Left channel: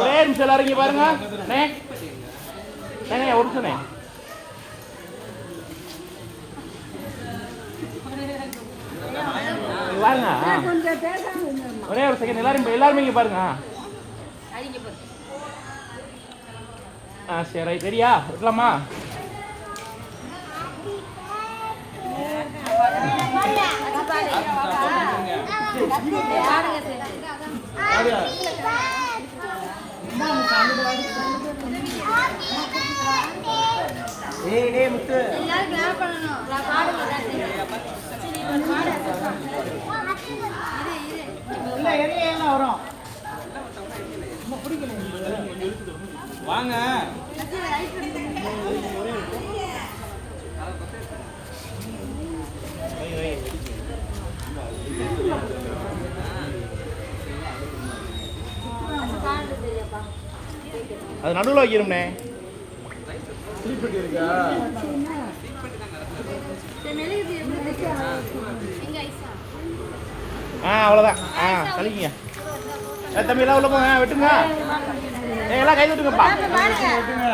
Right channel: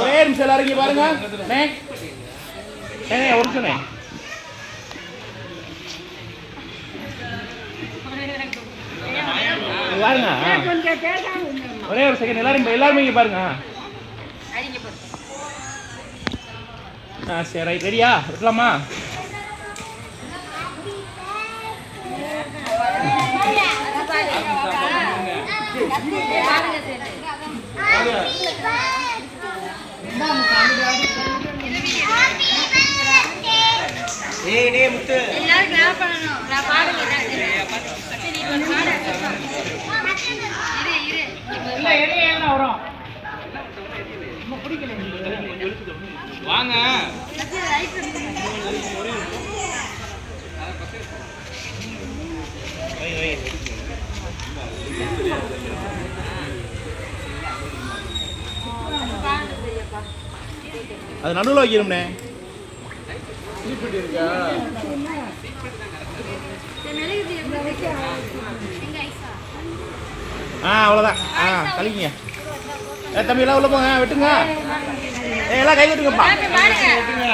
ஒரே நிமிஷம் எல்லாரும் இங்க பாருங்க. ஒரு நிமிஷம் ஒரே ஒரு செகண்ட் எல்லாருமே இங்க பாருங்க. சரி ரைட் ரெடியா இருக்கலாமா? முத்து எல்லாரும் கிளாப் பண்ணணும். நான் பாடுங்க வரும் வாங்க. அது நடுவில் வைக்கிறோம்னே. இருக்கா அவ்வளோதான். கழிங்க தம்பி எல்லாம் உள்ள போங்க. வெட்டுங்க எல்லாம் கையில் விட்டுங்க.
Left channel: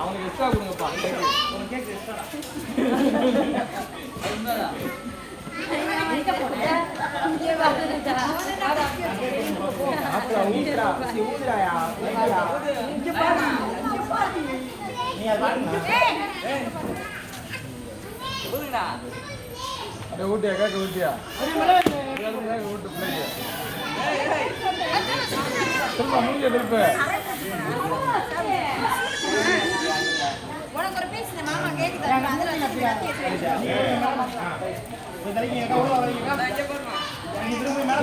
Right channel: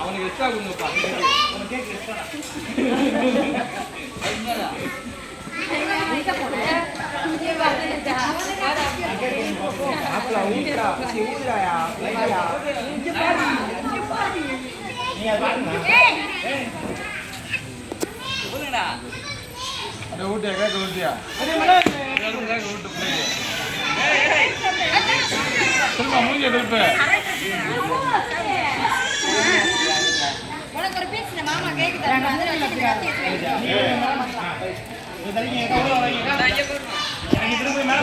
அவனுக்கு எக்ஸ்ட்ரா கொடுங்கப்பா. ஊட்டியா கேட்க ஊட்டியா சொல்லுமா மூஞ்சிய திருப்ப உனக்கு ஒரு பேசுற மாமா கேக்குதா? அதுல வந்து கத்தி திரும்ப மேல